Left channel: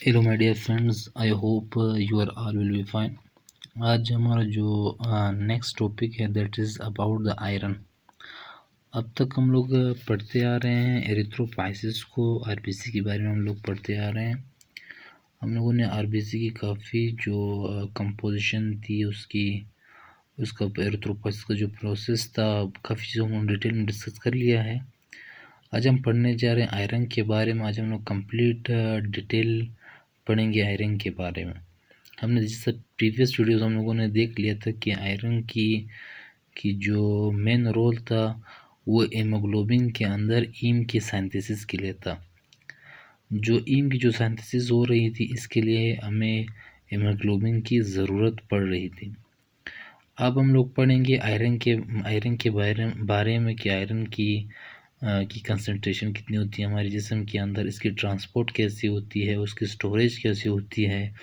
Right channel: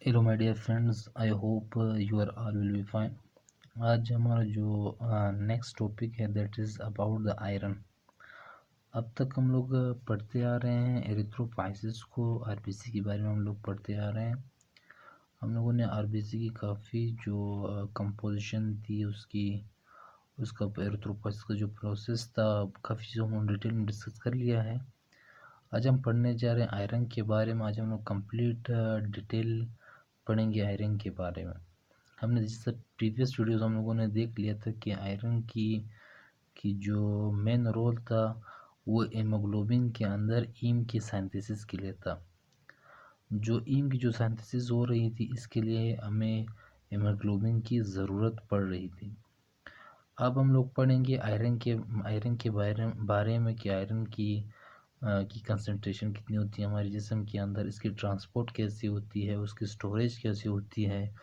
Hello my dear friends, I hope you are all will be fine. आज हमारा जो next topic है that is about the iron. अब तक हम लोग पढ़ते आ रहे हैं एरिथ्रोपाइसिस को, आरबीसी के बारे में हम लोग पढ़ते आ रहे हैं। हम लोगों ने आरबीसी की काफ़ी जो कंपोजिशन थी उसका एरिथ्रोपाइसिस का जो प्रोसेस था, काफ़ी चीज़ों को डिटेल में डिस्कस कर लिया है। आज हम पढ़ने जा रहे हैं आयरन के बारे में। आज हम लोग कंप्लीट डिटेल पढ़ेंगे आयरन के बारे में। हमने जैसे प्रीवियस वीडियोस हम लोगों ने देख लिया था कि आयरन की जो मेन रोल था वो हीमोग्लोबिन के अंदर हीम की सिंथेसिस के लिए था। जो हीम की जो सिंथेसिस हो रही थी, इसके लिए हमें हीमोग्लोबिन की ज़रूरत पड़ रही थी। अब हम लोग पढ़ेंगे आयरन के बारे में कि आयरन की कंसंट्रेशन कितनी होती है हमारे जिस्म के अंदर, इसकी ट्रांसपोर्ट कैसी होती है, उसकी स्टोरेज कैसी होती है,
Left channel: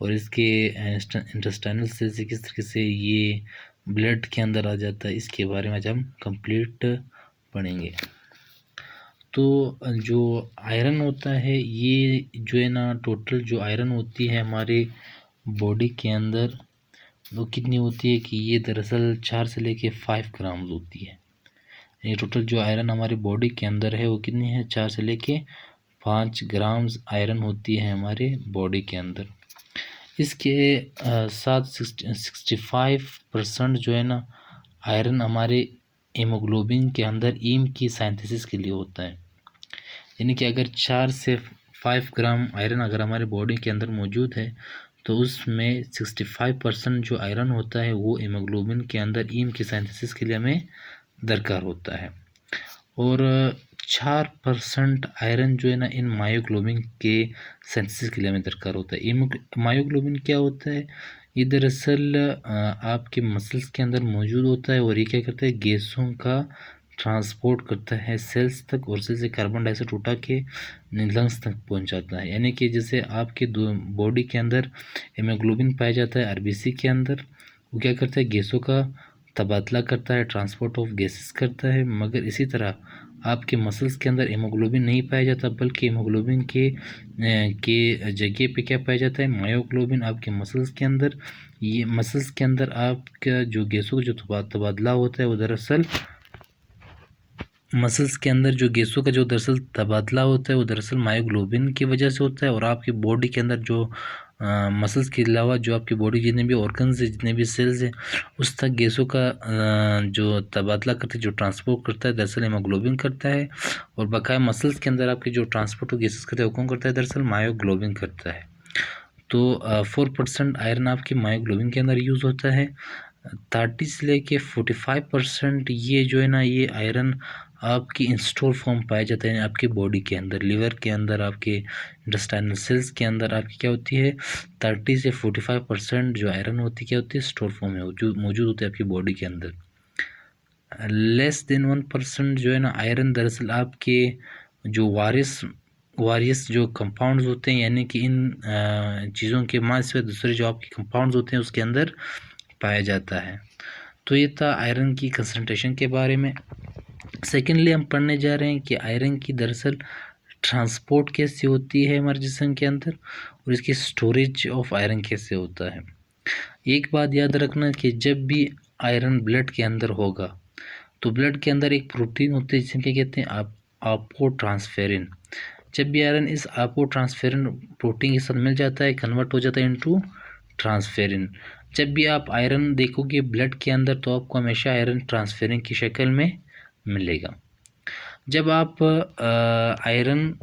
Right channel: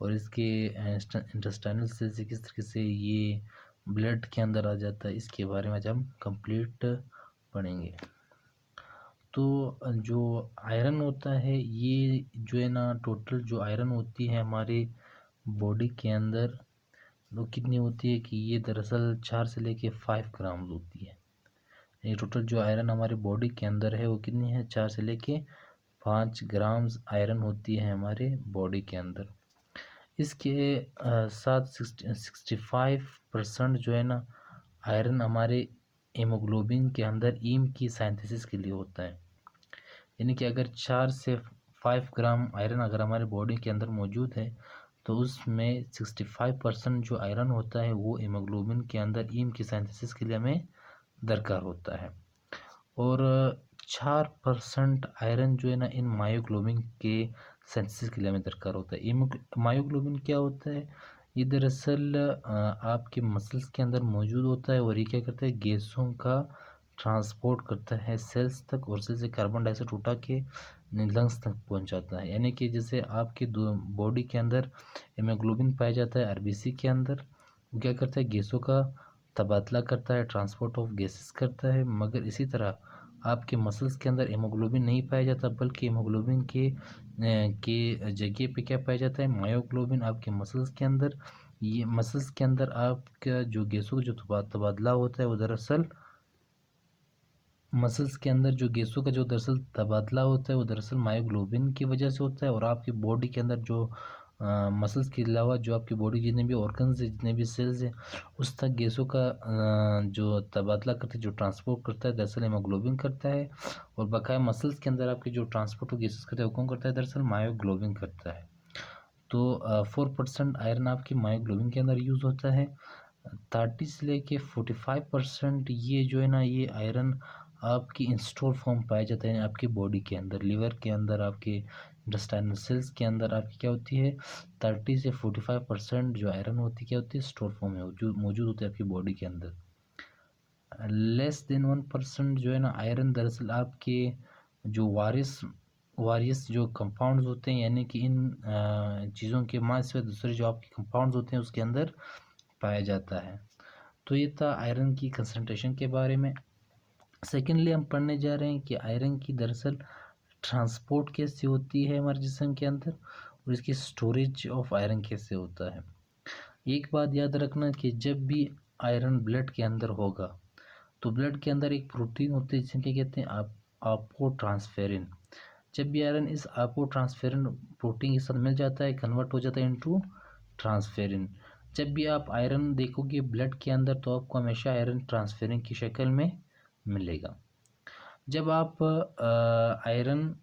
और इसके इंटेस्टाइनल सेल से किस तरीके से ये ब्लड के अंदर आ जाता है। इसके बारे में आज हम कंप्लीट पढ़ेंगे। तो जो आयरन होता है, ये जो है ना, टोटल जो आयरन होती है हमारे बॉडी के अंदर, वो कितनी होती है कि ये दरअसल 4 से लेके 5 ग्राम होती है। ये टोटल जो आयरन हमारी बॉडी के अंदर है वो कितनी है, 4 से लेके 5 ग्राम्स आयरन होती है हमारे बॉडी के अंदर। इसके साथ 65% जो है ना आयरन हमारे हीमोग्लोबिन के अंदर हीम की सिंथेसिस के लिए होता है। यानी कि अगर 4 से 5 ग्राम आयरन अगर हमारे बॉडी के अंदर मौजूद है तो उसमें 65% जो आयरन होता है वो हीमोग्लोबिन के अंदर हीम की सिंथेसिस के लिए हमें दरकार होता है। और 4% आयरन जो है ना इन मायोग्लोबिन के सिंथेसिस के लिए हमें दरकार होता है। मायोग्लोबिन क्या होता है? ये दरअसल आपके मसल्स के अंदर मौजूद होता है और ये क्या करता है, गैसों का ट्रांसपोर्ट करता है सेल्स तक, और सेल से कार्बन डाइऑक्साइड उठा के लंग्स तक पहुंचाता है। यानी कि जैसे आपके बॉडी के अंदर हीमोग्लोबिन पाया जाता है आरबीसी के अंदर, वो क्या करता है, गैसों का तबादला करता है, ट्रांसपोर्ट ऑफ गैसेस करता है। मगर इसी तरह आपके मसल्स के अंदर हीमोग्लोबिन नहीं पाया जाता, बल्कि हीमोग्लोबिन के जगह पे क्या पाया जाता है, मायोग्लोबिन आपके मसल्स के अंदर। ये मसल्स के अंदर आपका जो गैसों का जो तबादला होता है वो दरअसल मसल्स के अंदर जो गैसों का जो दरअसल तबादला होता है वो दरअसल मायोग्लोबिन की वजह से होता है। और आपकी बॉडी के अंदर जो मसल्स के अलावा जो आपकी बॉडी जितने भी ऑर्गन्स है, जितने भी सेल्स हैं, उस तक गैसों का जो तबादला करता है, जो ट्रांसपोर्ट करता है, दरअसल हीमोग्लोबिन करता है। और बकाया मसल्स के अंदर आपके जो ट्रांसपोर्ट गैसेस करता है वो कौन करता है, दरअसल मायोग्लोबिन करता है। तो 4% आयरन आपके मायोग्लोबिन के अंदर यूज़ होता है। 30 से लेके 45% ये जो है ना, ये आयरन आपकी इंस्टॉल फॉर्म पाया जाता है आपकी बॉडी के अंदर, लिवर के अंदर, आपके इंटेस्टाइनल सेल्स के अंदर आपकी क्या होती है, 30 से 45% जो आयरन होती है क्या होती है, स्टोर फॉर्म में मौजूद होती है आपकी बॉडी के अंदर। लेस देन 1% जो है ना आयरन दरअसल आपके जो वारियस जो कंपाउंड्स होते हैं, यानी कि इन चीज़ों के माध्यम से दूसरे जो आपके कंपाउंड्स होते हैं उसके अंदर पाया जाता है। तो ये था आयरन की कंसंट्रेशन के बारे में। सेकेंडली हम पढ़ने जा रहे हैं कि आयरन की दरअसल ट्रांसपोर्ट कैसे होती है हमारे जिस्म के अंदर, और इसकी स्टोरेज ऑफ आयरन कैसे होता है। एक बात याद रखना कि जब भी आयरन ब्लड के अंदर होगा तो ब्लड के अंदर एक प्रोटीन होती है जिसे क्या कहते हैं, अपोट्रांसफेरिन। जब भी आयरन इस अपोट्रांसफेरिन प्रोटीन के साथ मिल जाता है, कन्वर्ट हो जाता है इनटू ट्रांसफेरिन। जब भी आप आयरन देखोगे ब्लड के अंदर तो आपको हमेशा आयरन ट्रांसफेरिन की शक्ल में मिलेगा। जब आप आयरन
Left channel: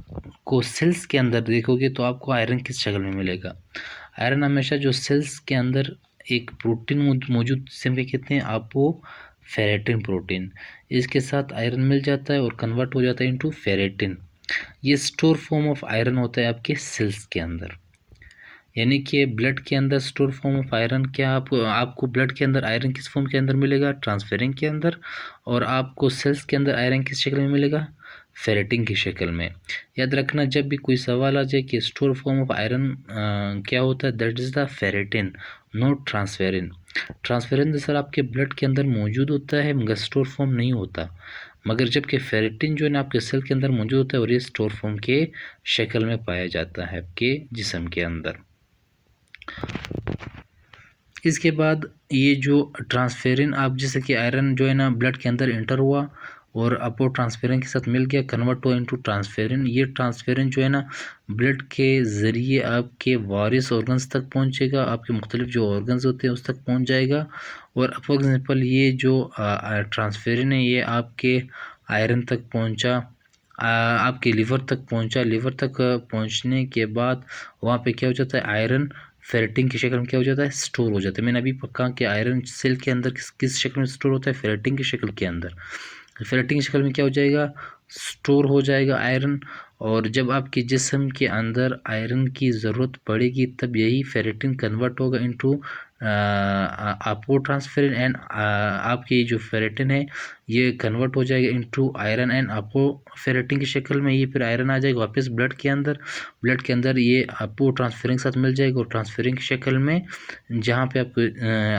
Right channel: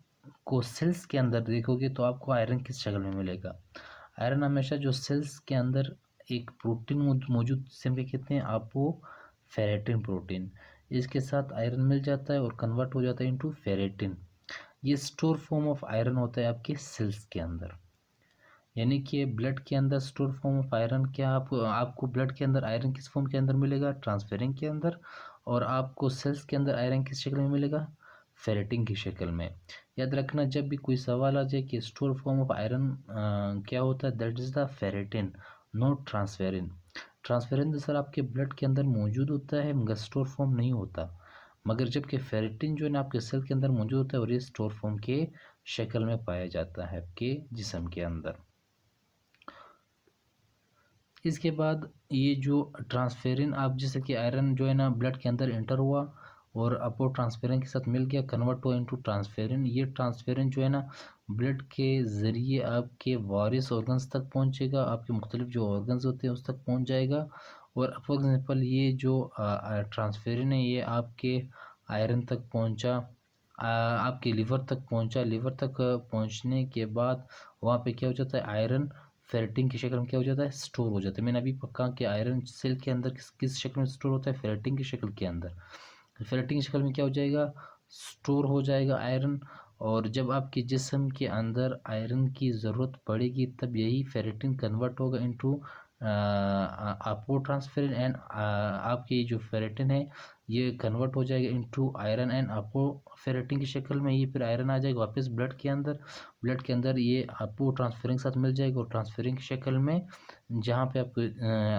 को सेल्स के अंदर देखोगे तो आपको आयरन किस शक्ल में मिलेगा। आयरन हमेशा जो सेल्स के अंदर एक प्रोटीन मौजूद जिसे हम क्या कहते हैं, अपोफेरेटिन प्रोटीन, इसके साथ आयरन मिल जाता है और कन्वर्ट हो जाता है इनटू फेरेटिन। ये स्टोर फॉर्म ऑफ आयरन होता है आपके सेल्स के अंदर। यानी कि ब्लड के अंदर स्टोर फॉर्म ऑफ आयरन क्या, आपको ब्लड के अंदर आयरन किस फॉर्म के अंदर मिलेगा, ट्रांसफेरिन के अंदर। और आपको सेल्स के अंदर आयरन किस शक्ल में मिलेगा, फेरेटिन की शक्ल में। याद रखना जब भी कोई सवाल आ जाए कि स्टोर फॉर्म ऑफ आयरन क्या होता है, that is the ferritin, not transferrin. Transferrin दरअसल आपके ब्लड के अंदर मौजूद होता है मगर स्टोर फॉर्म नहीं होता। मगर जबकि फेरेटिन जो है ना आपके सेल के अंदर मौजूद होता है और ये स्टोर फॉर्म के शक्ल में पाया जाता है आपके जिस्म के अंदर। इसके बाद ये जो ट्रांसफेरिन, आप जैसे कि आयरन जो है ना ब्लड के अंदर इंटर हुआ और अपो ट्रांसफेरिन के साथ मिल गया, कन्वर्ट हुआ इनटू ट्रांसफेरिन। ये ट्रांसफेरिन जो है ना ब्लड के ज़रिए आपके वारिस ऑर्गन्स तक पहुंचेगा, आपके मुख्तलिफ जो ऑर्गन्स होते हैं उस तक पहुंच जाएगा। और फॉर एग्जांपल ये जो ट्रांसफेरिन है ये आपके आयरन तक पहुंचा, आपके लिवर तक पहुंचा। लिवर तक पहुंचने के बाद वहाँ पे क्या हो जाता है, आयरन फेरेटिन की शक्ल में क्या हो जाता है, स्टोर हो जाता है। मैंने अभी कहा कि आयरन सेल के अंदर किस शक्ल में स्टोर होता है, फेरेटिन की शक्ल के अंदर। फेरेटिन की शक्ल में क्या हो जाएगा, स्टोर हो जाएगा आयरन। और जब आपके जिस्म के अंदर आयरन की ज़रूरत पड़ेगी तब यही फेरेटिन कन्वर्ट होगा इनटू आपो ट्रांसफेरिन एंड आपकी जो फेरेटिन है ये कन्वर्ट हो जाएगा इनटू आयरन एंड आपो फेरेटिन की शक्ल में। ये फिर आयरन आ जाएगा वापस ब्लड के अंदर। ब्लड के अंदर ये आपको ट्रांसफेरिंग के साथ मिल जाएगा और ट्रांसफेरिंग की शक्ल में जहाँ पे आपको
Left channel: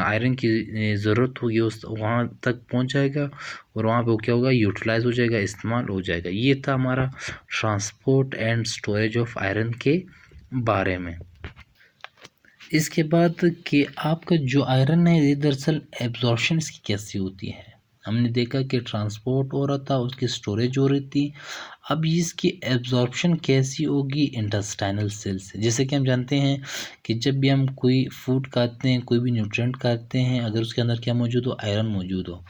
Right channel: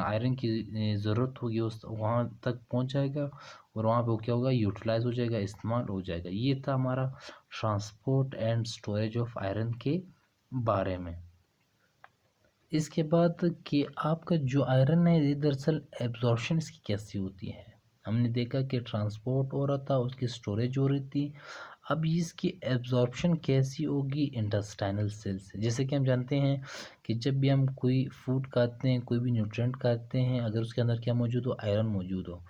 आयरन की ज़रूरत होगी उस वहाँ तक पहुँच जाएगा और वहाँ पे वो क्या होगा, यूटिलाइज हो जाएगा, इस्तेमाल हो जाएगा। ये था हमारा transport and storage of iron के बारे में। इसके बाद कि आपका जो आयरन है ये दरअसल एब्जॉर्प्शन इसकी कैसी होती है। हमने देखा कि ट्रांसपोर्ट हो रहा था, उसकी स्टोरेज हो रही थी। अब इसकी एब्जॉर्प्शन कैसी होगी इंटेस्टाइनल सेल से। जैसे कि हम जानते हैं कि जब भी हम कोई फूड खाते हैं, कोई भी न्यूट्रिएंट खाते हैं, अगर उसके अंदर क्या मौजूद हो, आयरन मौजूद हो,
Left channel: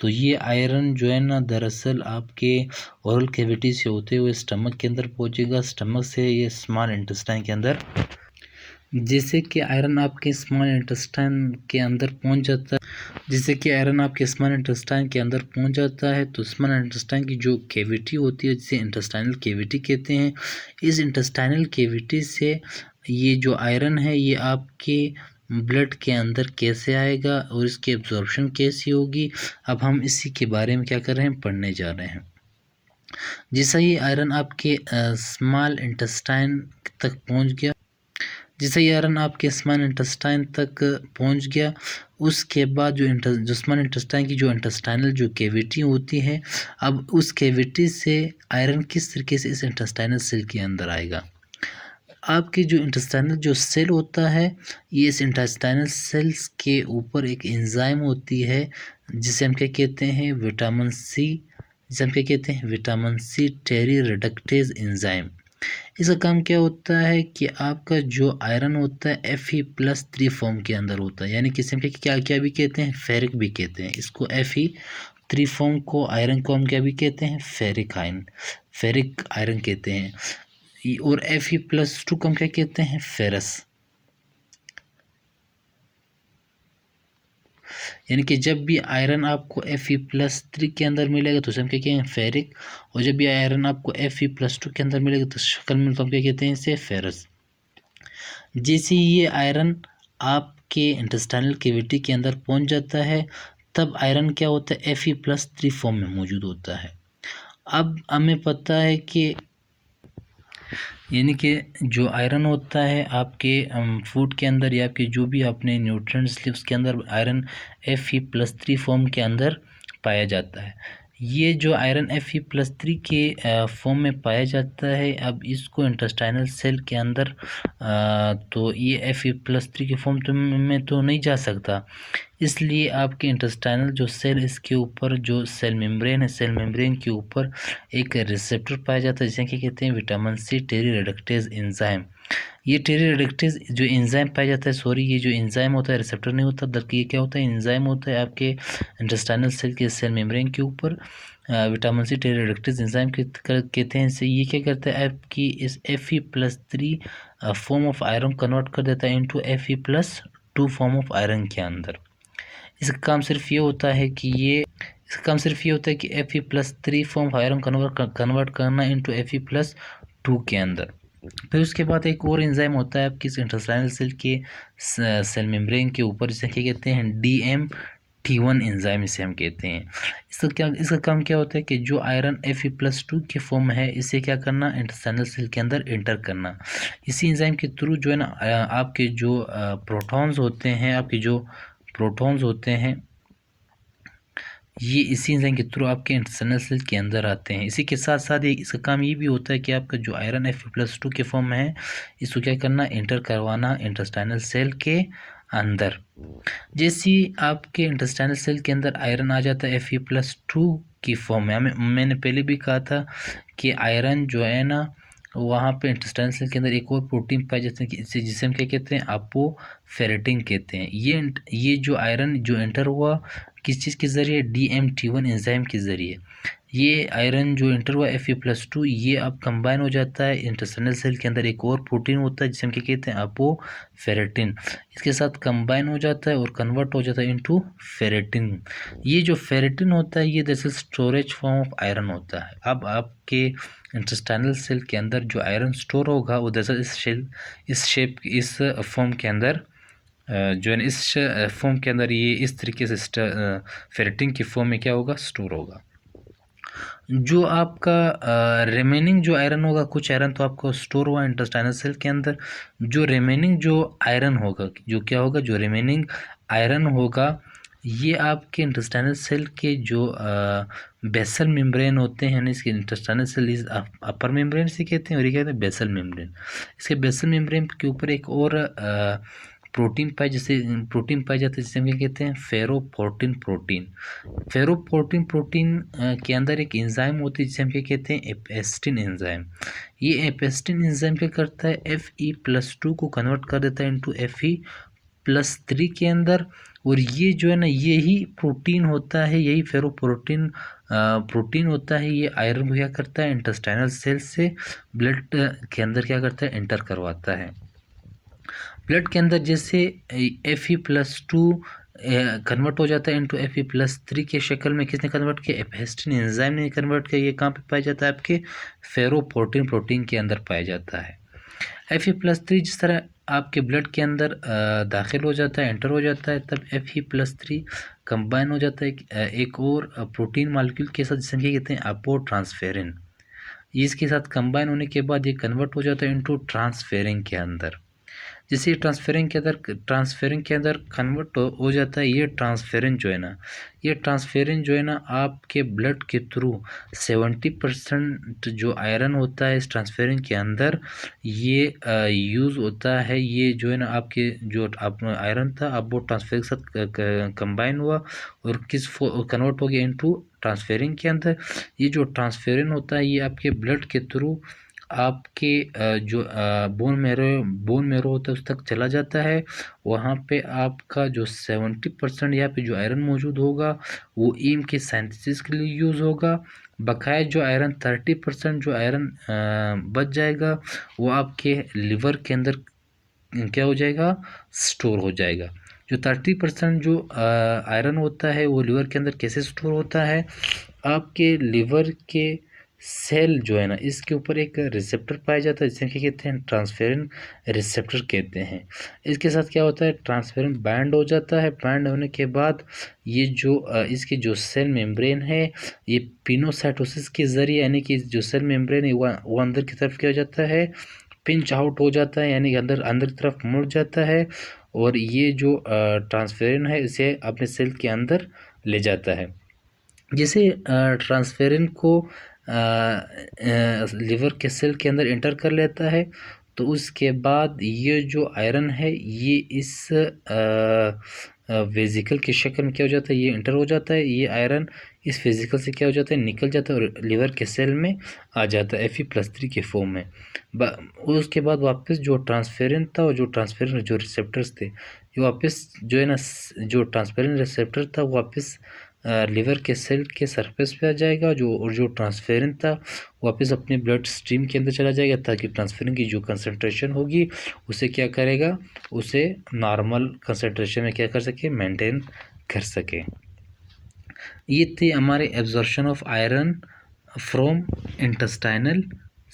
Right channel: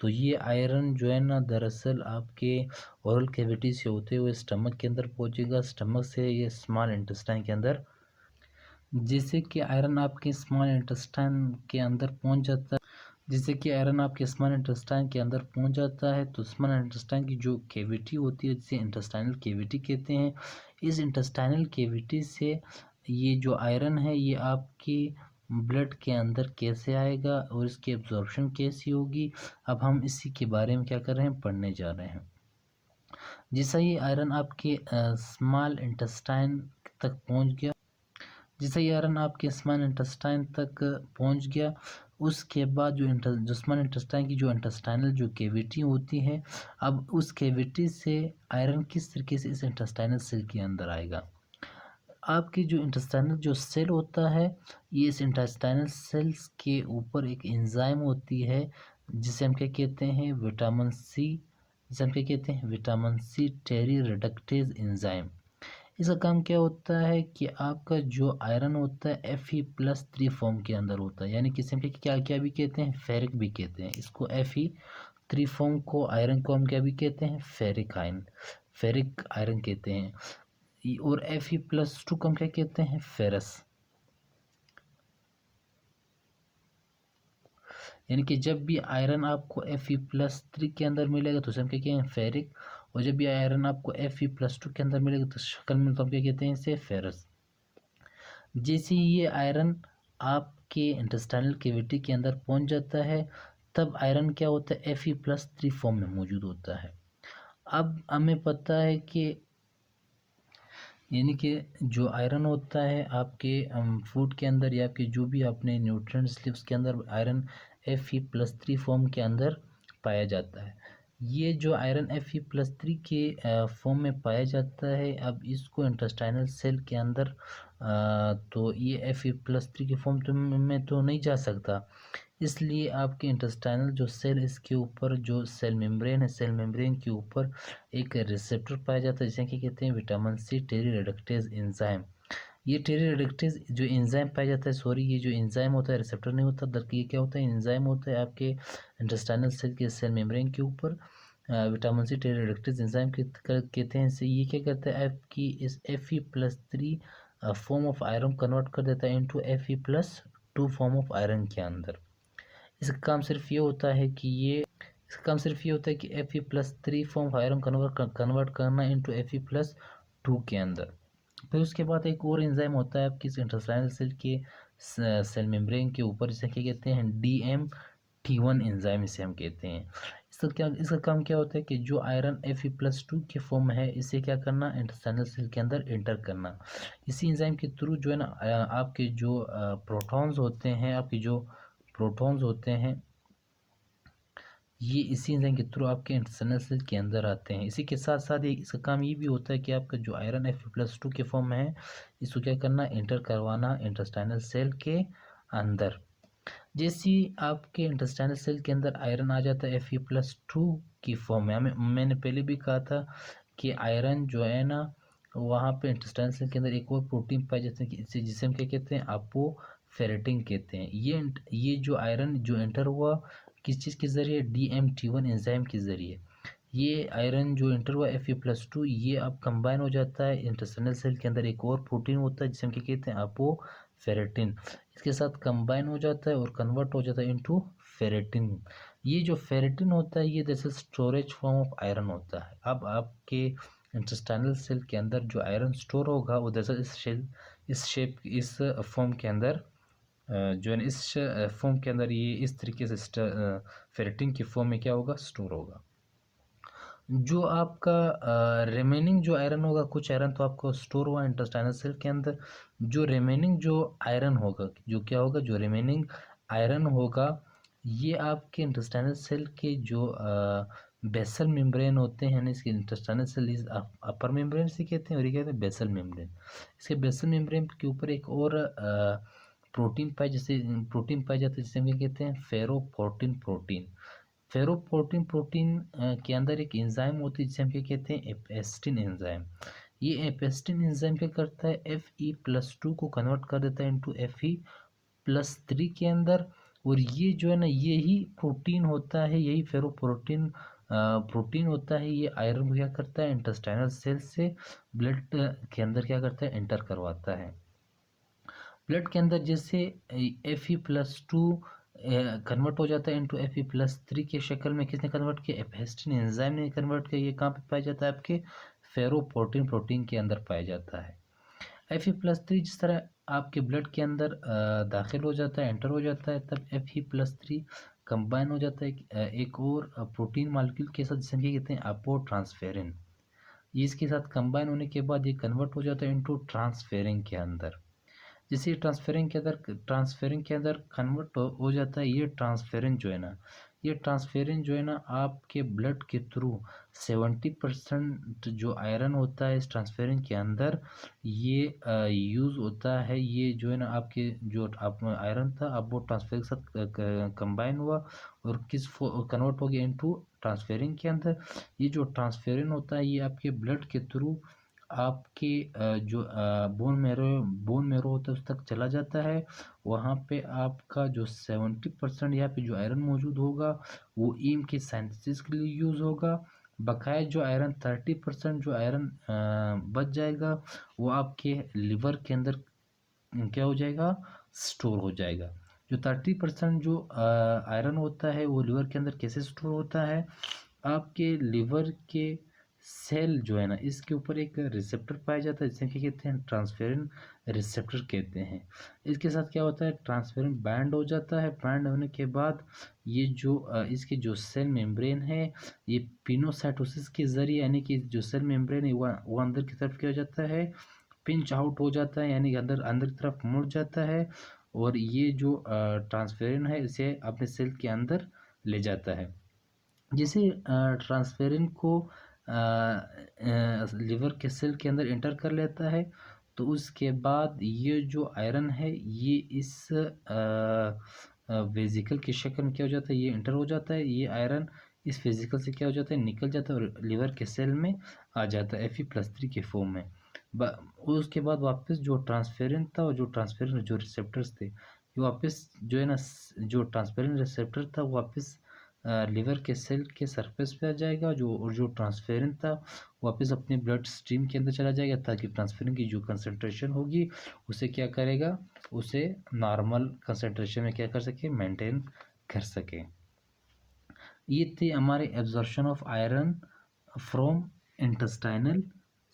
तो ये आयरन जो है ना दरअसल आपके ओरल कैविटी से होते हुए स्टमक के अंदर पहुंचेगा। स्टमक से ये स्मॉल इंटेस्टाइन के अंदर, जैसे कि आयरन आपके स्मॉल इंटेस्टाइन के अंदर पहुंच जाता है, तो स्मॉल इंटेस्टाइन की जो कैविटी होती है जिसे इंटेस्टाइनल कैविटी कहते हैं, इस इंटेस्टाइनल कैविटी से ये जो आयरन है ये आपके ब्लड के अंदर कैसे आएगा और इसकी एब्जॉर्प्शन कैसी होगी, अब हम इसी के बारे में क्या कर रहे हैं, पढ़ने जा रहे हैं। जैसा ही आयरन आपके स्मॉल इंटेस्टाइन तक पहुंच गया, स्मॉल इंटेस्टाइन तक पहुंच गया, उसके बाद जो स्मॉल इंटेस्टाइन की जो इंटेस्टाइनल जो कैविटी होती है, अब उस कैविटी से आयरन किस तरीके से इस इंटेस्टाइनल सेल के अंदर आएगा। आपकी जो इंटेस्टाइनल जो सेल होता है, ये इस इंटेस्टाइनल सेल्स के ऊपर एक एंजाइम होती है जिसे हम क्या कहते हैं, विटामिन सी टेरी रिडक्टेज एंजाइम। इसका काम क्या होता है कि आपका जो आयरन होता है Fe+3 फॉर्म के अंदर होता है, यानी किसी में क्या भी कहते हैं, फेरिक भी कहते हैं इसको। Fe3 फॉर्म को आयरन को हम क्या भी कहते हैं, फेरिक आयरन कहते हैं। और Fe+2 को हम क्या कहते हैं, फेरस। यानी कि जब भी आयरन आपको Fe+3 के अंदर मिलेगा तो उसे हम क्या कहेंगे, फेरिक। और जब भी आयरन आपको Fe+2 के अंदर मिलेगा तो शक्ल में तो हम क्या कहते हैं, इसे फेरस। जैसे ये आयरन आपके इंटेस्टाइनल कैविटी के अंदर पहुंच जाता है तब आयरन क्या होता है, Fe+3 फॉर्म में मौजूद होता है। अब हमें पता है कि यानी कि जो आयरन होता है आपके फूड के अंदर या आपके जो भी आपने न्यूट्रिएंट्स लिए उसके अंदर आयरन Fe+3 फॉर्म के अंदर पाया जाता है। ये जो आयरन Fe+3 के फॉर्म में पाया जाता है, अब इसको इंटेस्टाइनल सेल के अंदर तो ये Fe+3 के फॉर्म में तो नहीं जा सकता, इसलिए आपके इंटेस्टाइनल जो सेल, इसके ऊपर जो सेल मेम्ब्रेन है, सेल मेम्ब्रेन के ऊपर एक रिसेप्टर पाया जाता है जिसे क्या कहते हैं, विटामिन सी टेरी रिडक्टेज एंजाइम। ये टेरी रिडक्टेज जो एंजाइम पाया जाता है, ये जो एंजाइम होता है रिसेप्टर नहीं होता, बल्कि ये क्या होता है, एंजाइम होता है आपके इंटेस्टाइनल सेल के सेल मेम्ब्रेन के ऊपर। विटामिन सी टेरी रिडक्टेज एंजाइम कहते हैं इसे। ये क्या करता है, आपकी इस Fe+3 form of iron convert कर देता है into Fe+2 form of iron के अंदर। इसका काम सिर्फ ये होता है कि Fe+3 form of iron convert करना इनटू Fe+2 के अंदर। फिर उसके बाद एक और एंजाइम होता है आपकी इंटेस्टाइनल सेल के सेल मेम्ब्रेन के ऊपर, जिसे क्या कहते हैं, DMT1 एंजाइम इसे हम कहते हैं। इसका काम क्या होता है कि जो आयरन Fe+2 के फॉर्म है इसे क्या करना, इंटेस्टाइनल सेल के अंदर एंटर करना। इसी एंजाइम के थ्रू जो है ना आपके जो प्रोटॉन्स होते हैं ये इसी एंजाइम के थ्रू आपके इंटेस्टाइनल सेल के अंदर आते हैं। इसी के साथ साथ इसका काम ये भी होता है कि आपका जो आयरन Fe+2 के फॉर्म में है, इसको क्या करना, इंटर करवाना इंटेस्टाइनल सेल के अंदर। जैसे ही आपके इंटेस्टाइनल सेल के अंदर आयरन आ जाता है Fe+2 की फॉर्म में, मैंने पहले भी कहा था कि आयरन जो है ना, वहाँ पे इंटेस्टाइनल सेल के अंदर एक और प्रोटीन पाए जाते हैं जिसे हम क्या कहते हैं, अपोफेरेटिन कहते हैं। ये जो आयरन जो एंटर हुआ किस चीज़ के ज़रिए, DMT1 एंजाइम के ज़रिए। ये आयरन जो इंटर हुआ Fe+2, ये अब कंबाइन हो जाता है इंटेस्टाइनल सेल के अंदर एक और प्रोटीन होता है जिसे हम क्या कहते हैं, अपोफेरेटिन। इसके साथ कंबाइन हो जाता है और कन्वर्ट हो जाता है इनटू फेरेटिन। ये जो फेरेटिन होता है ये दरअसल स्टोरेज फॉर्म ऑफ आयरन होता है। अब आपके इंटेस्टाइनल सेल के अंदर जो आयरन स्टोर होगा वो दरअसल इस फॉर्म के अंदर जो है इस फॉर्म के अंदर ये इस तरीके से फेरेटिन की फॉर्म में क्या होगा, स्टोर होगा। जो आपका रिमेनिंग जो आयरन होगा, कुछ आयरन तो आपको स्टोर हुआ इंटेस्टाइनल सेल के अंदर, जो रिमेनिंग जो आयरन होगा, जो क्या होगा, जो रिमेनिंग आयरन होगा, ये आपके इंटेस्टाइनल सेल के जो बेसल मेम्ब्रेन होते हैं, यानी इसके intestinal cell is upper membrane से कहते हैं और ये कहते हैं बेसल मेम्ब्रेन। इसके बेसल मेम्ब्रेन के ऊपर एक और प्रोटीन पाई जाता है जिसे हम क्या कहते हैं, फेरोपोर्टिन प्रोटीन। फेरोपोर्टिन के अंदर एक एंजाइम होती है जिसे हम क्या कहते हैं, एपेस्टिन एंजाइम। ये एपेस्टिन एंजाइम क्या करता है, Fe+2 को कन्वर्ट कर देता है इनटू Fe+3 के अंदर। और ये जो है ना, यही प्रोटीन होता है, यही फेरोपोर्टिन प्रोटीन होता है, ये आयरन को क्या करता है, इंटेस्टाइनल सेल से ब्लड के अंदर क्या करता है, एंटर करवाता है। ब्लड के अंदर जैसे Fe+2 कन्वर्ट हो जाता है इनटू Fe+3 के शक्ल में, किसने कन्वर्ट किया, एपेस्टिन एंजाइम ने कन्वर्ट किया। ये कहाँ पे पाया जाता है, आपके फेरोपोर्टिन प्रोटीन के अंदर पाया जाता है। Fe+3 जिस तरह आपके ब्लड के अंदर दाखिल हो जाता है, एंटर हो जाता है, तब Fe+3 कंबाइन हो जाता है एक और प्रोटीन मालिक्यूल के साथ जिसे कहते हैं अपोट्रांसफेरिन। इसके साथ कंबाइन होने के बाद ये कन्वर्ट हो जाता है इनटू ट्रांसफेरिन के अंदर। जैसे ट्रांसफेरिन के अंदर कन्वर्ट हो जाता है, ये ट्रांसफेरिन जो है ना आपके ब्लड के थ्रू 70% जो आयरन होता है इस ट्रांसफेरिन के अंदर ये यूज़ होता है। ये जो है ना आपके जो आयरन था, अब वो ट्रांसफेरिन के साथ कंबाइन हुआ और कन्वर्ट हो गया इनटू ट्रांसफेरिन के अंदर। ये जो ट्रांसफेरिन होता है ये आपके ब्लड के थ्रू आपके जो बोन मेरो होता है उस तक चला जाता है। वहाँ पे आपका जो 70% यहाँ पे जो आयरन मौजूद होगा वो ईम के सिंथेसिस के लिए यूज़ होगा। बकाया जो आयरन 30% जो आयरन बच जाएगा वो आपके लिवर के अंदर क्या हो जाएगा, स्टोर हो जाएगा। जो 30% जो आयरन होता है वो लिवर के अंदर कैसे स्टोर होता है, आपके लिवर के सेल जो है ना इसके ऊपर एक रिसेप्टर पाया जाता है जिसे क्या कहते हैं, ट्रांसफेरिन रिसेप्टर कहते हैं। इसके साथ क्या होता है, ट्रांसफेरिन बाइंड हो जाता है। बाइंड होने के बाद ये जो इसकी जो सेल मेम्ब्रेन है ये पिनोसाइटोसिस के ज़रिए, यानी कि जो सेल मेम्ब्रेन है वो अंदर की तरफ क्या हो जाता है, पिंच आउट हो जाता है, यानी कि अंदर की तरफ मुड़ जाता है और ये जो ट्रांसफेरिन है इसे अपने सेल के अंदर ले जाता है। जैसे ट्रांसफेरिन को लिवर के सेल के अंदर एंटर कर लेता है तो उसके बाद ये जो आयरन है ये इस वेजिकल के शक्ल में क्या हो जाता है, ये एंटर हो जाता है। ये आयरन इस वेजिकल से क्या हो जाता है, निकल जाता है और लिवर के सेल में आ जाता है Fe+3 के फॉर्म में। उसके बाद वापस जो ट्रांसफेरिन था और जो ट्रांसफेरिन जो रिसेप्टर्स थे ये वापस जो है ना, जो ट्रांसफेरिन रिसेप्टर था वापस लिवर के सेल के सरफेस पे आ जाएगा, जो ट्रांसफेरिन था वापस अपने ब्लड स्ट्रीम के अंदर चला जाएगा ताकि ट्रांसफेरिन की जो कंसंट्रेशन होगी उसे क्या करेगा, उसे नॉर्मल कंसंट्रेशन में क्या कर सके, मेंटेन कर सके। ये थे हमारे absorption of iron from intestinal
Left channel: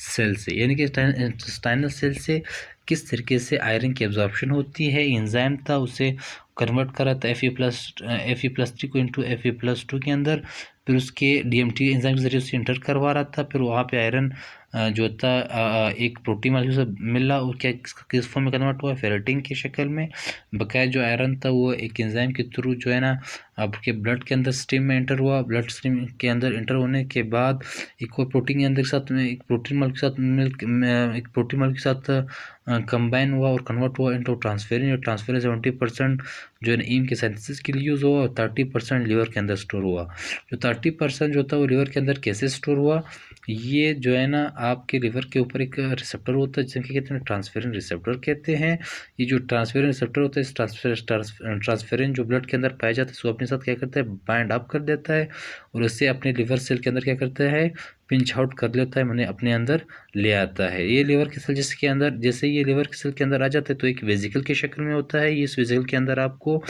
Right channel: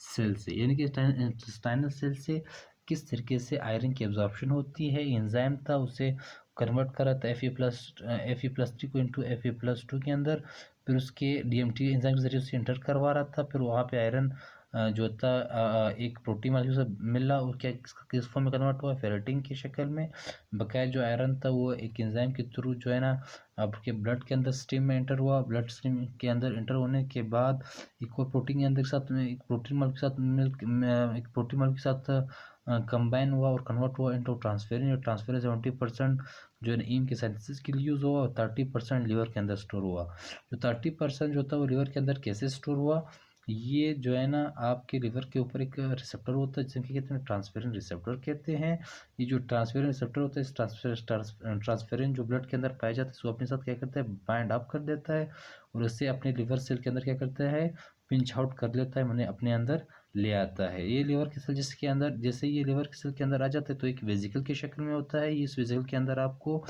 cell से, यानी कि इंटेस्टाइनल सेल से किस तरीके से आयरन की एब्जॉर्प्शन होती है। एंजाइम था उसे कन्वर्ट करा था Fe+3 को इनटू Fe+2 के अंदर, फिर उसके DMT एंजाइम के जरिए उसे इंटर करवा रहा था। फिर वहाँ पे आयरन जो था एक प्रोटीन मालिक्यूल से मिला और क्या किस फॉर्म में कन्वर्ट हुआ, फेरेटिन की शक्ल में। बकाया जो आयरन था वो एक एंजाइम के थ्रू जो है ना आपके ब्लड के अंदर स्ट्रीम में एंटर हुआ, ब्लड स्ट्रीम के अंदर एंटर होने के बाद एक और प्रोटीन के अंदर के साथ में एक प्रोटीन मॉलिक्यूल के साथ एक प्रोटीन मॉलिक्यूल के साथ कंबाइन हुआ और कन्वर्ट हुआ इनटू ट्रांसफेरिन। और ट्रांसफेरिन 70% जो है ईम के सिंथेसिस के लिए यूज़ हुआ और 30% लीवर के अंदर स्टोर हुआ। जो 30% जो होता है वो लीवर के अंदर कैसे स्टोर हुआ, ये जो है ना आपके लिवर के ऊपर एक रिसेप्टर होता है जिसे क्या कहते हैं, ट्रांसफेरिन रिसेप्टर कहते हैं। ये जो ट्रांसफेरिन रिसेप्टर होता है, इस ट्रांसफेरिन जो ब्लड के अंदर पाया जाता है इसको अपने साथ क्या करता है, बाइंड अप कर देता है और इससे अपने लिवर सेल के अंदर क्या करता है, पिंच आउट कर लेता है, मैंने अपने अंदर ले आता है। ये लिवर के सेल जिसके अंदर, जैसे ये लिवर के सेल के अंदर आ जाता है तो एक वेजिकल की शक्ल में होता है। इस वेजिकल के अंदर आपको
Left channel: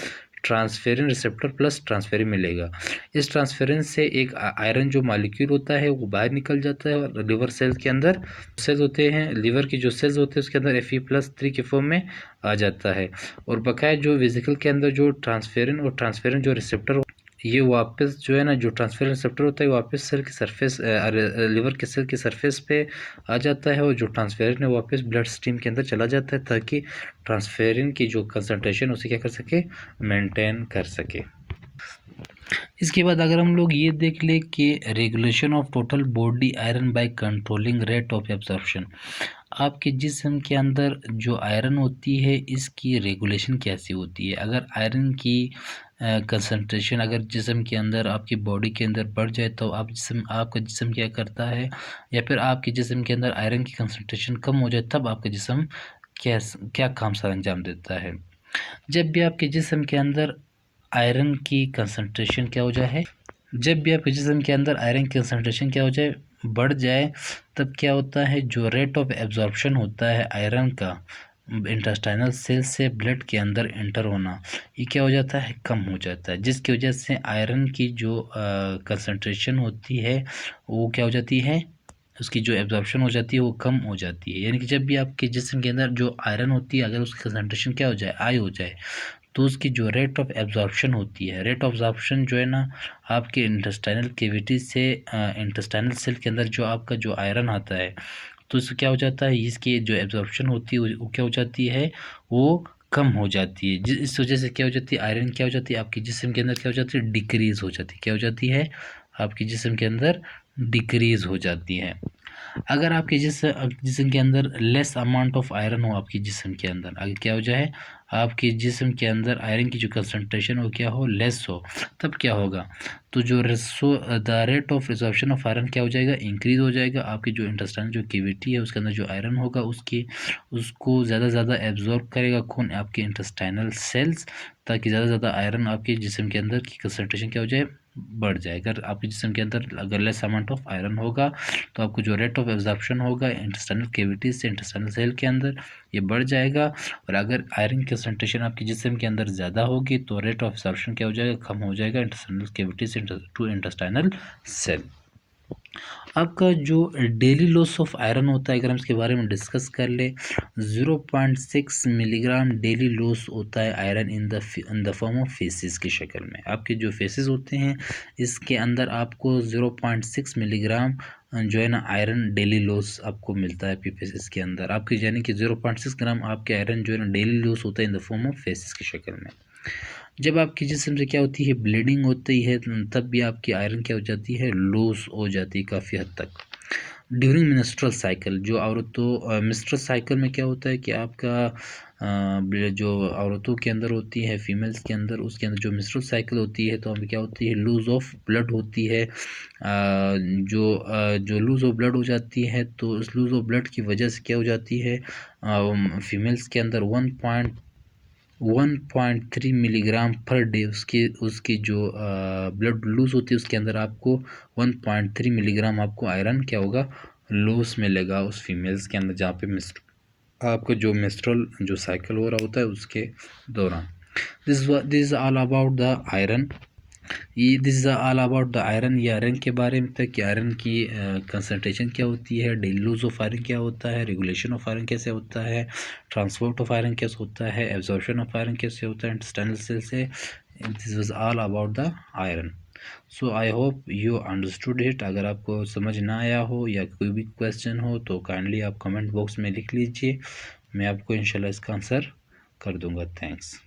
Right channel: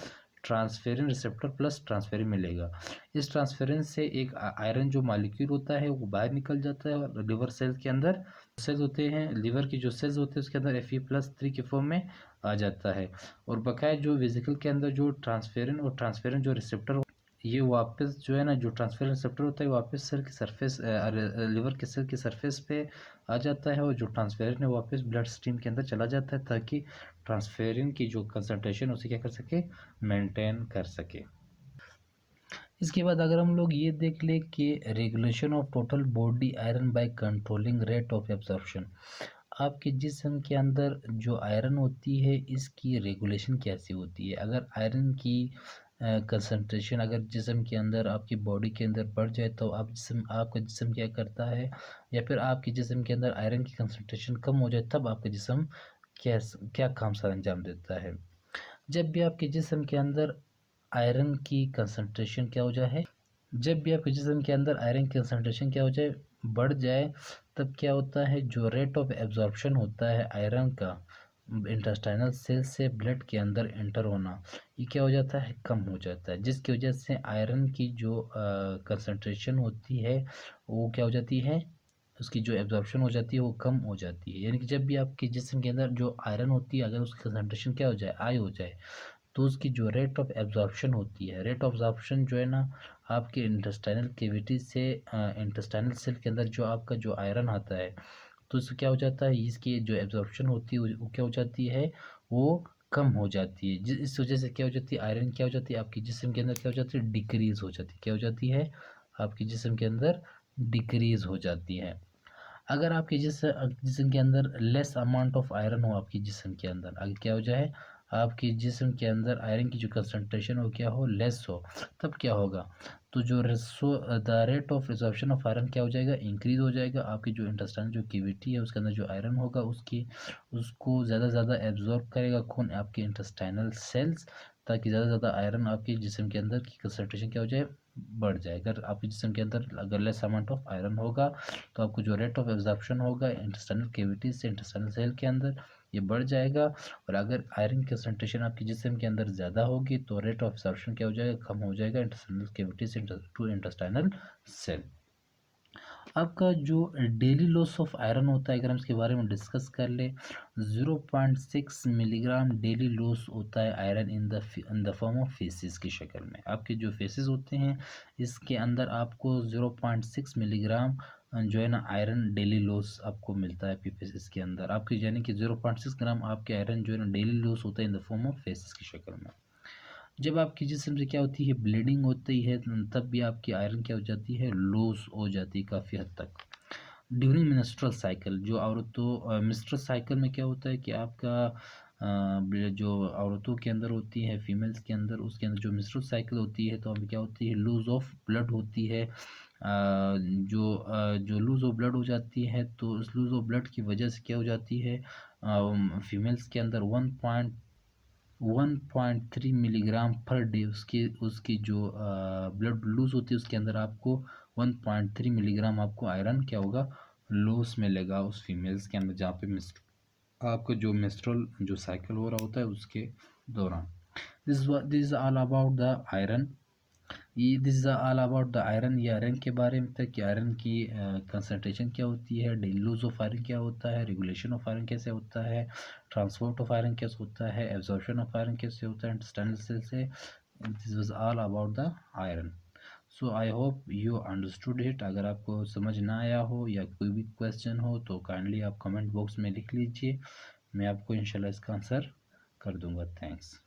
ट्रांसफेरिन रिसेप्टर प्लस ट्रांसफेरिन मिलेगा। इस ट्रांसफेरिन से एक आयरन जो मॉलिक्यूल होता है वो बाहर निकल जाता है और लिवर सेल के अंदर सेल्स होते हैं, लिवर की जो सेल्स होते हैं उसके अंदर Fe+3 के फॉर्म में आ जाता है। और बकाया जो वेजिकल के अंदर जो ट्रांसफेरिन और ट्रांसफेरिन जो रिसेप्टर ये वापस जो है ना, जो ट्रांसफेरिन रिसेप्टर होता है वापस सेल के सरफेस, लिवर के सेल के सरफेस पे आ जाता है और जो ट्रांसफेरिन है वापस ब्लड स्ट्रीम के अंदर चला जाता है ताकि ट्रांसफेरिन की जो कंसंट्रेशन उसे क्या कर सके, मेंटेन कर सके। इसके बाद अगर हम लोग ये देख ले कि regulation of total body iron by controlling rate of absorption, आपके जिस्म के अंदर जो आयरन होती है इसकी रेगुलेशन कैसी होती है। अगर आयरन की कंसंट्रेशन अगर जिस्म के अंदर आपकी बॉडी के अंदर बढ़ जाए तो आपका जिस्म क्या करता है, या फिर आपके जिस्म के अंदर आयरन की कंसंट्रेशन कम हो जाए तब आपका जिस्म क्या क्या काम सर अंजाम देता है। जब भी आपके जिस्म के अंदर आयरन की कंसंट्रेशन क्या हो जाए, जब भी आपके जिस्म के अंदर आयरन की कंसंट्रेशन क्या हो जाए, बढ़ जाए, तब क्या होता है, जो रेट ऑफ एब्जॉर्प्शन होता है आयरन का इंटेस्टाइनल सेल से ब्लड के अंदर एंटर होना, ये क्या हो जाता है, कम हो जाता है, जिसकी वजह से आयरन की जो कंसंट्रेशन होती है वो क्या हो जाती है, उसकी जो एब्जॉर्प्शन हो जाती है वो कम हो जाती है। यानी कि जब भी आपके जिस्म के अंदर जो आयरन होती है अगर उसकी कंसंट्रेशन क्या हो जाए, हाई हो जाए, तो उसकी जो रेट ऑफ एब्जॉर्प्शन होती है, रेट ऑफ एब्जॉर्प्शन जो है ना आपके इंटेस्टाइनल कैविटी से इंटेस्टाइनल सेल के अंदर जो आपका जो आयरन आता है तो इससे क्या हो जाता है, इसकी जो एब्जॉर्प्शन होती है वो क्या हो जाती है, वो कम हो जाती है। इस वजह से क्या हो जाती है, आयरन क्या हो जाती है आपके जिस्म के अंदर क्या हो जाती है, डिक्रीज हो जाती है। क्या हो जाती है, आपके जिस्म के अंदर डिक्रीज हो जाती है। अगर आपके जिस्म के अंदर लेस अमाउंट ऑफ आयरन हो आपके जिस्म के अंदर, अगर क्या हो जाए आपके जिस्म के अंदर आयरन की जो कंसंट्रेशन हो क्या हो, लेस हो, तब क्या होगा, तो जो the rate of resorption of iron क्या हो जाएगा, इंक्रीज हो जाएगा। आपकी जो इंटेस्टाइनल जो कैविटी है उसके अंदर जो आयरन होगा उसको ज़्यादा से ज़्यादा एब्जॉर्ब करेगा खून आपके इंटेस्टाइनल सेल्स, ताकि ज़्यादा से ज़्यादा आयरन आपके जिस्म के अंदर की कंसंट्रेशन क्या हो जाए, बढ़ जाए। अगर आपके जिस्म के अंदर अगर लेस अमाउंट ऑफ आयरन होगा तो आपको जो रेट ऑफ एब्जॉर्प्शन होगा इंटेस्टाइनल कैविटीज से इंटेस्टाइनल सेल के अंदर ये बढ़ जाएगा। और अगर आयरन की कंसंट्रेशन आपके जिस्म के अंदर ज़्यादा होगी तो रेट ऑफ एब्जॉर्प्शन क्या हो जाएगा, कम हो जाएगा intestinal cavities to intestinal cell. आपका जो डेली लॉस ऑफ आयरन होता है अगर हम इसके बारे में डिस्कस कर ले, 0.6 मिलीग्राम डेली लॉस होता है iron in the form of faces की शक्ल में। आपके जो फेसिस होते हैं इसके अंदर आपको 0.6 मिलीग्राम जो है ना आयरन डेली लॉस आपको मिलता है फेसिस के अंदर आपकी, यानी कि 0.6 ग्राम आपके आयरन जो है ना डेली लॉस होता है in the form of faces की शक्ल में। जब आपकी जिस्म से क्या होती है, ब्लीडिंग होती है, तब भी आपकी आयरन क्या हो जाती है, लूज हो जाती है काफ़ी हद तक। ड्यूरिंग मिनिस्ट्रल साइकिल, जो औरतों मिनिस्ट्रल साइकिल में क्या होता है कि आपका जो औरतों के अंदर होती है, फीमेल्स के अंदर, उसके अंदर जो मिनिस्ट्रल साइकिल होती है तो हमें क्या होती है, लूज ऑफ ब्लड होती है। जो लूज ऑफ ब्लड हो जाती है तो उस लूज ऑफ ब्लड की वजह से क्या हो जाती है, फीमेल्स के अंदर 1.3 मिलीग्राम पर डे उसकी जो ब्लड लूज होती है उसके अंदर आपको 1.3 मिलीग्राम आपको आयरन क्या होगा, लूज मिलेगा उस फीमेल्स के अंदर जहाँ पे आपका जो मेंस्ट्रुअल जो साइकिल हो रहा होता है उसके दौरान। This is all about the iron. This is all about the iron. ये आयरन के बारे में था कि आयरन की कंसंट्रेशन क्या होती है, डेली लूज ऑफ आयरन क्या होता है, रेगुलेशन ऑफ आयरन कैसे होता है, ट्रांसपोर्ट ऑफ आयरन कैसे होता है, एब्जॉर्प्शन ऑफ आयरन कैसे होता है इंटेस्टाइनल सेल से। This was all about the iron. So I hope you understood it. अगर आपको समझ ना आया हो या कोई भी क्वेश्चन हो तो काइंडली आप कमेंट बॉक्स में लिख लीजिए, मैं आपको इंशाल्लाह इसका आंसर कर दूंगा। थैंक्स।